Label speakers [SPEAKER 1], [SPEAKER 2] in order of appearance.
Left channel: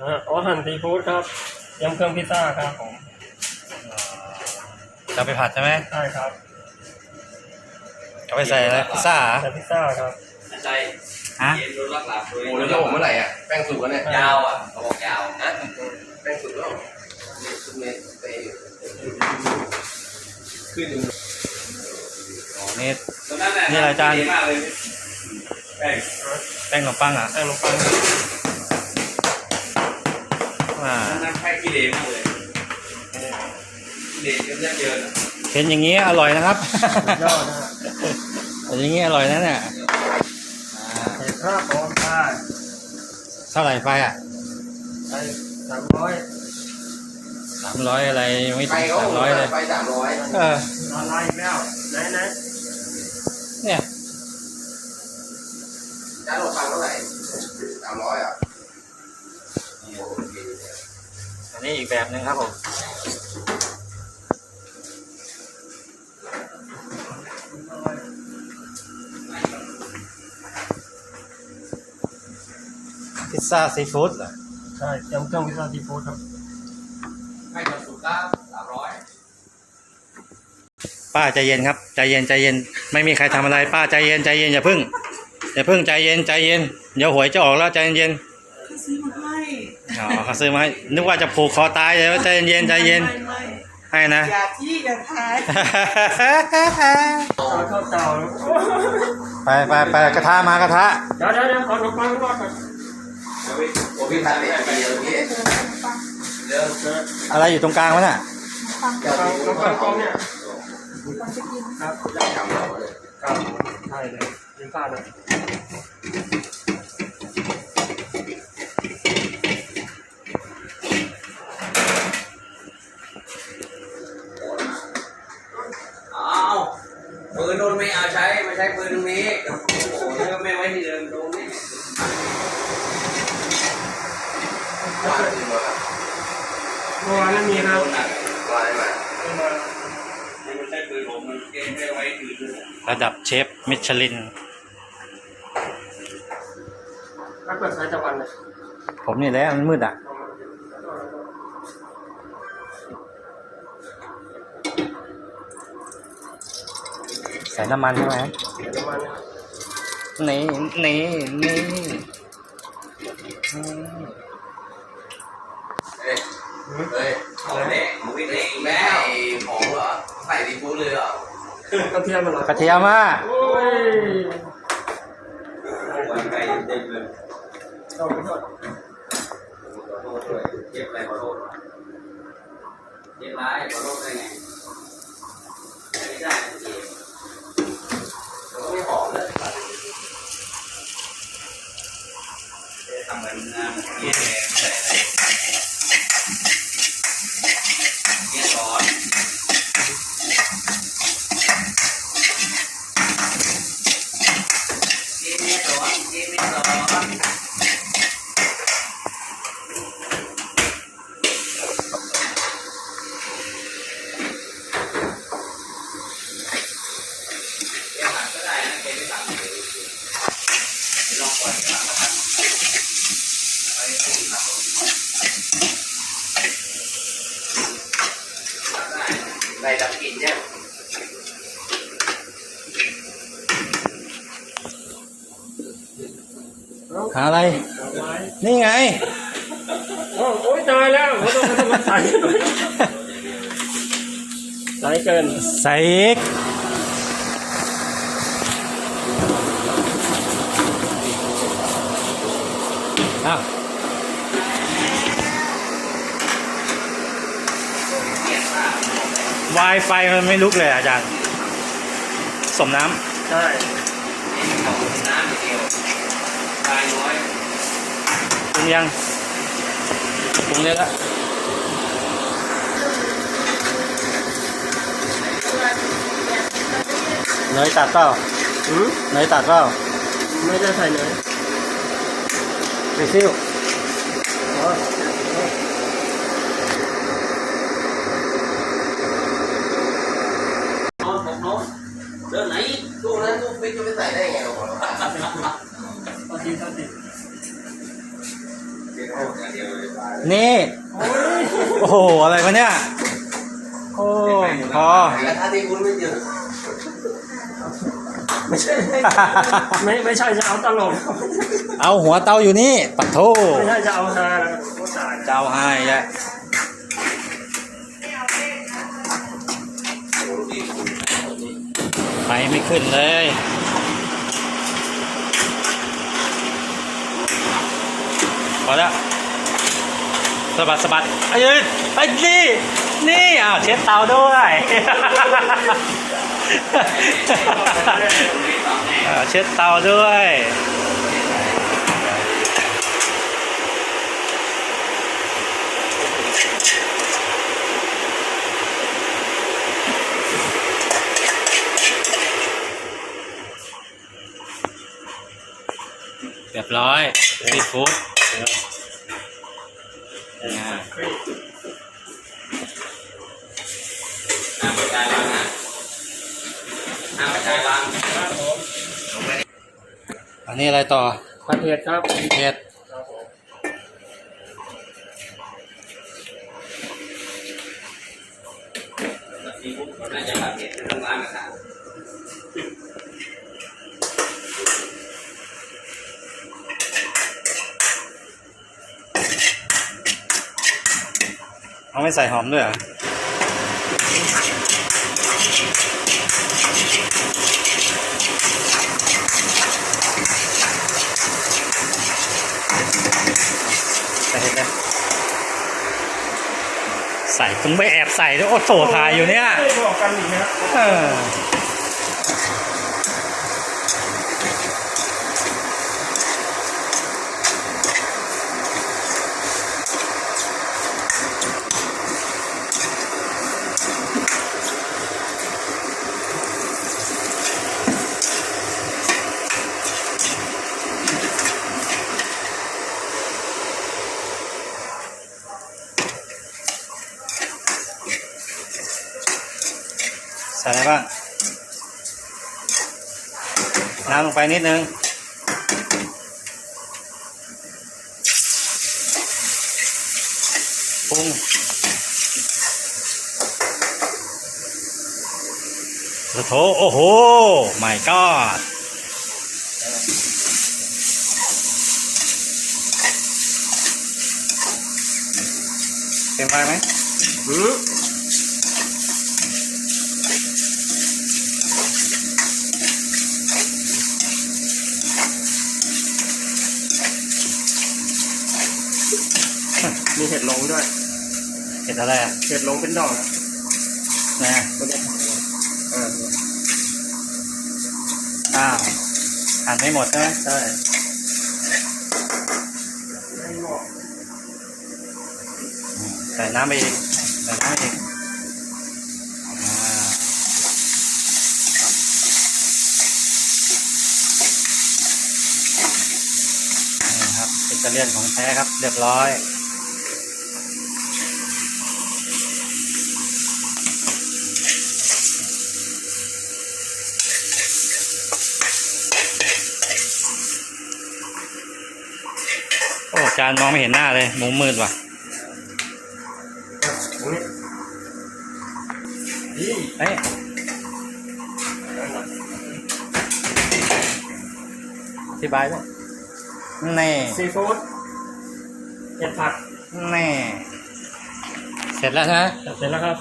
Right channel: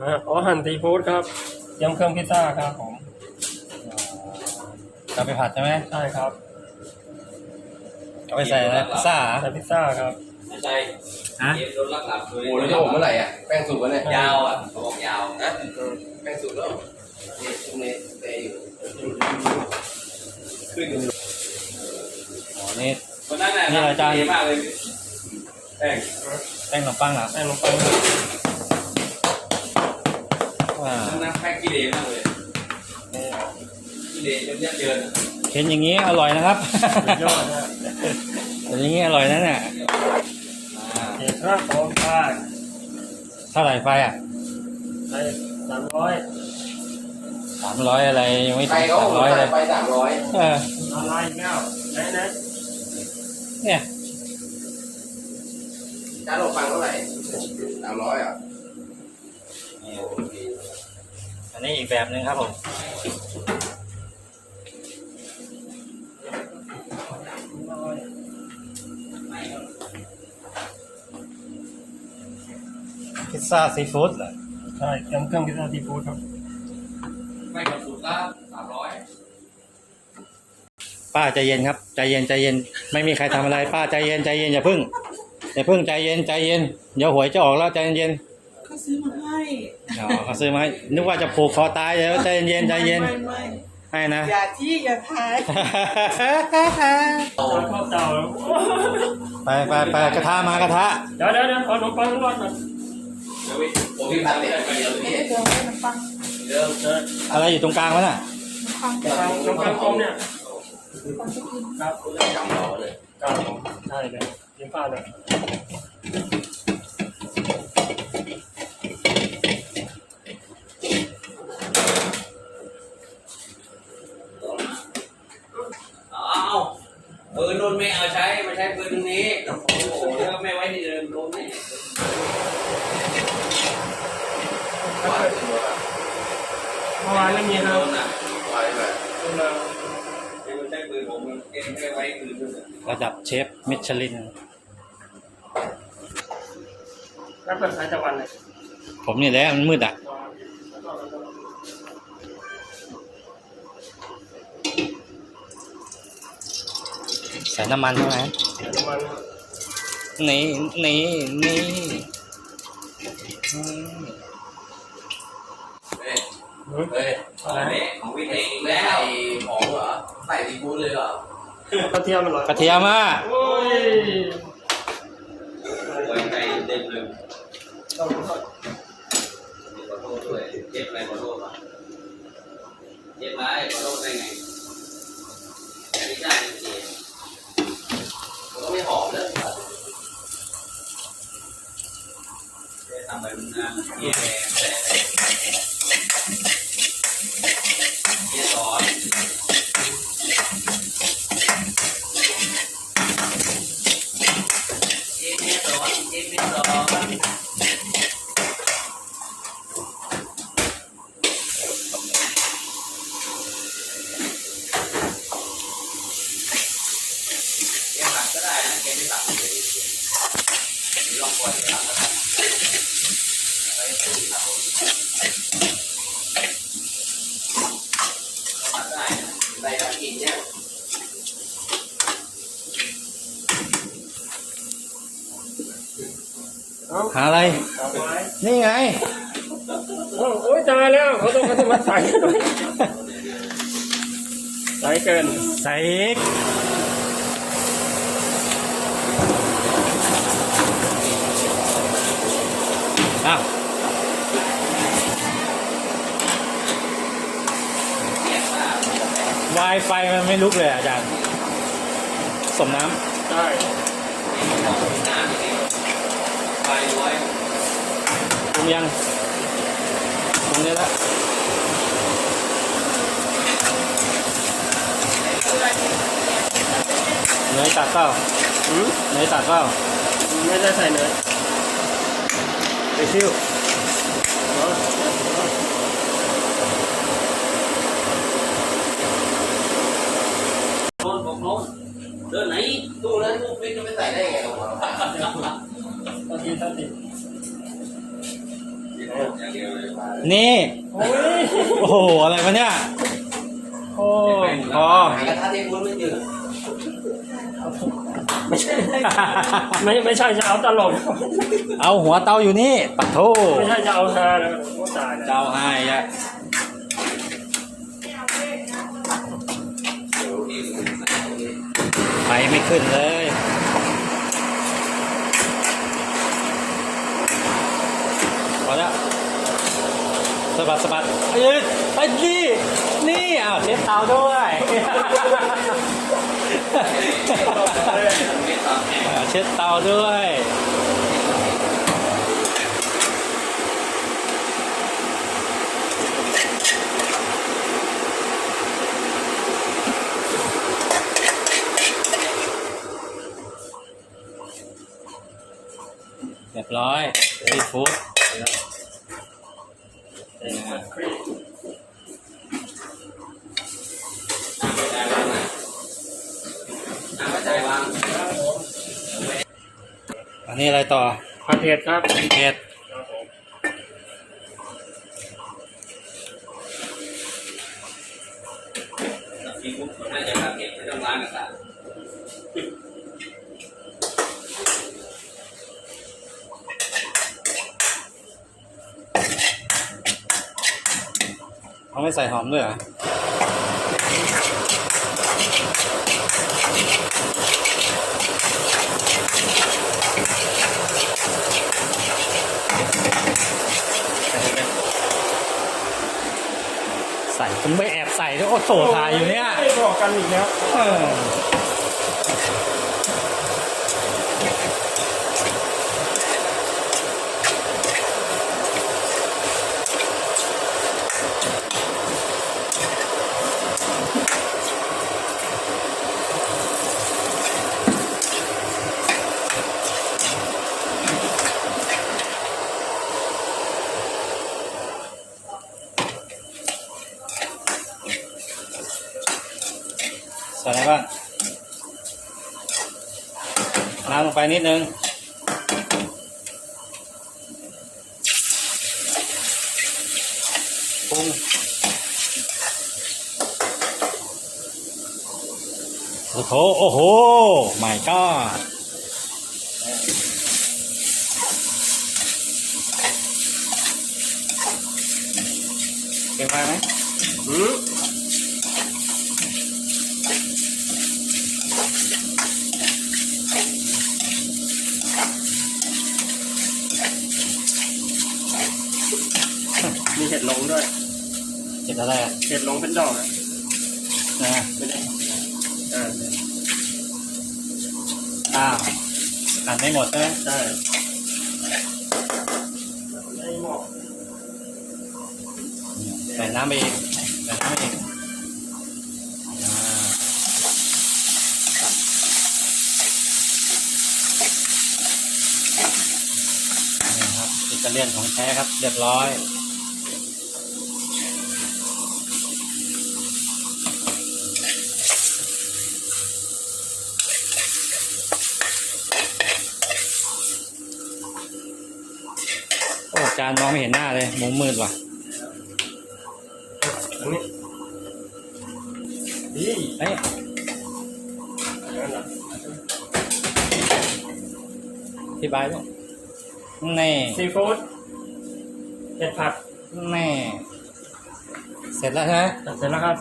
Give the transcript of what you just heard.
[SPEAKER 1] อ่าอ๋อหั่นซีฟู้ดครับยำเครื่องพิซซ่าครับผม
[SPEAKER 2] จะไปผัดใช่ไหม
[SPEAKER 1] ใช่ครับ
[SPEAKER 2] จะไปใส่อะไรพิซซ่าเหรอ
[SPEAKER 1] ใส่พิซซ่าครับ
[SPEAKER 3] ไม่ใช่
[SPEAKER 2] ฮะ
[SPEAKER 3] เย็นรถลักหลับโดย
[SPEAKER 4] โอ้แล้วจะผมเมื่อไหร่อะแป้งสุกแล้วเนี่ย
[SPEAKER 3] ยาวอะเขาบอกยาว
[SPEAKER 4] นะแป้งสุกแล้วนี่ซุปเนสเตย์อยู่ขึ้นอยู่
[SPEAKER 2] อ๋อนี่
[SPEAKER 3] ตอนนั้นน่ะ
[SPEAKER 2] นี่อะไรอาจารย์
[SPEAKER 3] ดีมากเลยแป้ง
[SPEAKER 2] แป้งขนมปังเหรอ
[SPEAKER 1] แป้งลงไป
[SPEAKER 2] ว่า
[SPEAKER 3] ต อนนั้นแป้งกิเลสมากเลยกิเลสเยอะเยินอะ
[SPEAKER 2] เห็นอย่างนี้อร่อยนะครับ
[SPEAKER 1] สุดยอดนะฮะ
[SPEAKER 2] แต่อย่างนี้อร่อยนะเนี่ย
[SPEAKER 1] เห็ดรากของป้า
[SPEAKER 2] เท่าไหร่ไฟอะ
[SPEAKER 1] ใส่สามร้อย
[SPEAKER 2] สามร้อยอะไรยังไม่
[SPEAKER 4] ไฟ
[SPEAKER 2] ถึง
[SPEAKER 4] เขา
[SPEAKER 2] สามร้อยเลย
[SPEAKER 4] ไฟสามร้อย
[SPEAKER 2] เออ
[SPEAKER 1] อะไรอีกแล้วไหนไหน
[SPEAKER 2] เนี่ย
[SPEAKER 4] จานขนมปังเท่าไหร่สามร้อยอะ
[SPEAKER 2] อันนี้อีกแบบหนึ่งครับผมพิซซ่าซีฟู้ดเหรอ
[SPEAKER 1] ใช่ยำเครื่องพิซซ่าซีฟู้ดครับ
[SPEAKER 3] ไม่กดสุดครับสามร้อย
[SPEAKER 2] ป้าใจเย็นครับใจเย็นใจเย็น ไม่มีใครทำอะไร ป้าใจเย็นใจเย็นอย่าพึ่งอย่าพึ่งใจเย็นใจเย็นเดี๋ยวหวยจะออกแล้วใจเย็น
[SPEAKER 5] เขาซื้อมาให้
[SPEAKER 2] อ๋อเขาซื้อมาให้นึกว่าจะผูกคอตายเลยว่าใจเย็นใจเย็น
[SPEAKER 5] ไม่ไม่
[SPEAKER 2] ให้นะ
[SPEAKER 5] อย่าที่อย่าทาย
[SPEAKER 1] ตอนเข้าเตาแล้ว
[SPEAKER 2] ไปไปไปกระทะมากระทะ
[SPEAKER 1] เดี๋ยวเดี๋ยวเดี๋ยวขอขนมปังรอดก่อน
[SPEAKER 4] โอ้พี่พันเนี่ยไปเดียวพี่
[SPEAKER 5] เดี๋ยวให้มันฟัง
[SPEAKER 4] เริ่ม
[SPEAKER 1] เดี๋ยว
[SPEAKER 2] อะไรอยู่ตรงกลางวะน่ะ
[SPEAKER 5] ฟัง
[SPEAKER 1] ขนมปังขนมปังกลมเนี่ย
[SPEAKER 5] ฟังจะกิน
[SPEAKER 1] ครับ
[SPEAKER 4] จำเราเลย
[SPEAKER 1] ครับใช่เลยยืมข้าวหน่อย
[SPEAKER 3] ใช้ปืนผมมันเองไม่ได้ไว้ที่อื่นเลย
[SPEAKER 2] ระดับเชฟมิชลิน
[SPEAKER 1] รับแบบสายตะวันเลย
[SPEAKER 2] ผมนี่แหละมันมืดอะใส่น้ำมันใช่ไหม
[SPEAKER 1] เดี๋ยวน้ำมันนะครับ
[SPEAKER 2] นี่นี่นี่อืม
[SPEAKER 4] เฮ้ย เฮ้ย
[SPEAKER 3] ของแม่ของวินเอง
[SPEAKER 4] แม่
[SPEAKER 3] แล้ว
[SPEAKER 4] ไอ้ของเหรอใส่ดีฟู้ดเลยเหรอก
[SPEAKER 1] ระเทียมมันหรอก
[SPEAKER 2] ระเทียมอะ
[SPEAKER 1] โอ้ย
[SPEAKER 3] ไว้ใจเต็มเลย
[SPEAKER 1] ต้องขอโทษ
[SPEAKER 3] ด้วยเจ็บอะไรขอโทษวะเจ็บไรขอโทษได้ไงอันนี้ได้จริง
[SPEAKER 4] แล้วก็ไม่หอมเลย
[SPEAKER 3] ทำเหมือนงานเย่ยแดงแต่เยี่ยสอนเยี่ยแม่สอนเยี่ยแม่สอน แกผัดก็ได้นะแกไม่ผัดเลยลองปล่อยแกผัดก็ได้ไปตู้ผัดผัดได้นะ
[SPEAKER 4] ใส่ดับกลิ่นเนี่ ย
[SPEAKER 1] เอา
[SPEAKER 2] หาอะไร
[SPEAKER 1] เอาไว้
[SPEAKER 2] นี่ไง
[SPEAKER 1] โอ้โอ้ยตายแล้วเขาต้องเขาต้องมาใส่หน่อยใส่เกิน
[SPEAKER 2] ใส่อีก อ้าววายไฟมันไม่ลุกเลยอาจารย์ สมน้ำ
[SPEAKER 1] ใช่
[SPEAKER 3] น้ำนิดเดียวทายน้อยำ
[SPEAKER 2] ปรุงยังปรุงได้แล้วเนยตัดเปล่าเนยตัดเปล่า
[SPEAKER 1] ไม่ได้ใส่เนย
[SPEAKER 2] ไปซิ่ว
[SPEAKER 1] อ๋อ
[SPEAKER 3] โน้นผมโน้นเดินไหน
[SPEAKER 4] ตู้นั้นตู้ฟิกจะไปใส่ได้ไงหรอวะ
[SPEAKER 1] ตอนทีตอนที
[SPEAKER 3] เดี๋ยวโน้นอย่างเดียวเลย
[SPEAKER 2] นี่
[SPEAKER 1] โอ้ย
[SPEAKER 2] โอ้โห อะไรวะเนี่ย โอ้พอ
[SPEAKER 4] กระทะที่คุณ ไม่หยุด
[SPEAKER 1] ไม่ใช่ ไม่ไม่ใช่จะเอาตลก
[SPEAKER 2] เอาหัวเตาอยู่นี่ ปัดโท
[SPEAKER 1] ไม่ใช่จะเอาฮานะโอ้ตายแล้ว
[SPEAKER 2] เจ้าให้ยะ
[SPEAKER 4] โอ้โหที่คุณเอานี่
[SPEAKER 2] ไปไม่ขึ้นเลย พอแล้วสะบัดสะบัดไอ้ยืนไอ้นี่ นี่อ้าวเช็ดเตาด้วยอ่า เช็ดเตาด้วยเรียบร้อยซีฟู้ดนะ
[SPEAKER 3] น้ำกระจายวางนะน้ำกระจายวาง
[SPEAKER 2] อันนี้อะไรต่อ
[SPEAKER 1] ผัดเผ็ดครับ
[SPEAKER 2] เผ็ด
[SPEAKER 1] ครับผม
[SPEAKER 3] ซีฟู้ดมันน่าจะทำเผ็ดแต่ต้องล้างกระทะ
[SPEAKER 2] เขาไม่ใส่หอมด้วยเหรอ ใส่เห็ดเลย ใส่ต้องไปแอบใส่ด้วยโอ้โถถ่ายอยู่เนี่ย
[SPEAKER 1] ไม่บอกกันอีกนะ
[SPEAKER 2] เออ น้ำลงไปนิดนึง ปรุงโอ้โหโอ้โห my god เต็มไปไหม
[SPEAKER 1] หืม มีเห็ดลงด้วย
[SPEAKER 2] เห็ดอะไรอะ
[SPEAKER 1] เห็ดลงเป็นดอกนะ
[SPEAKER 2] ไหนอะ
[SPEAKER 1] ไม่ได้เออ
[SPEAKER 2] อ้าวหั่นไม่หมดใช่ไหม
[SPEAKER 1] ใช่ไม่บอก
[SPEAKER 2] ใส่น้ำไปอีกใส่น้ำไปอีกอ่านี่ครับอิตาเลียนของแท้ครับ เรียบร้อยานมองไม่เห็นหน้าเลย มุมมืดว่ะ
[SPEAKER 1] ตรงนี้ดี
[SPEAKER 2] เอ้ยอธิบายด้วยแน่
[SPEAKER 1] ซีฟู้ดเห็ดผัก
[SPEAKER 2] แน่ เสร็จแล้วใช่ไหม
[SPEAKER 1] เสร็จแล้วครับ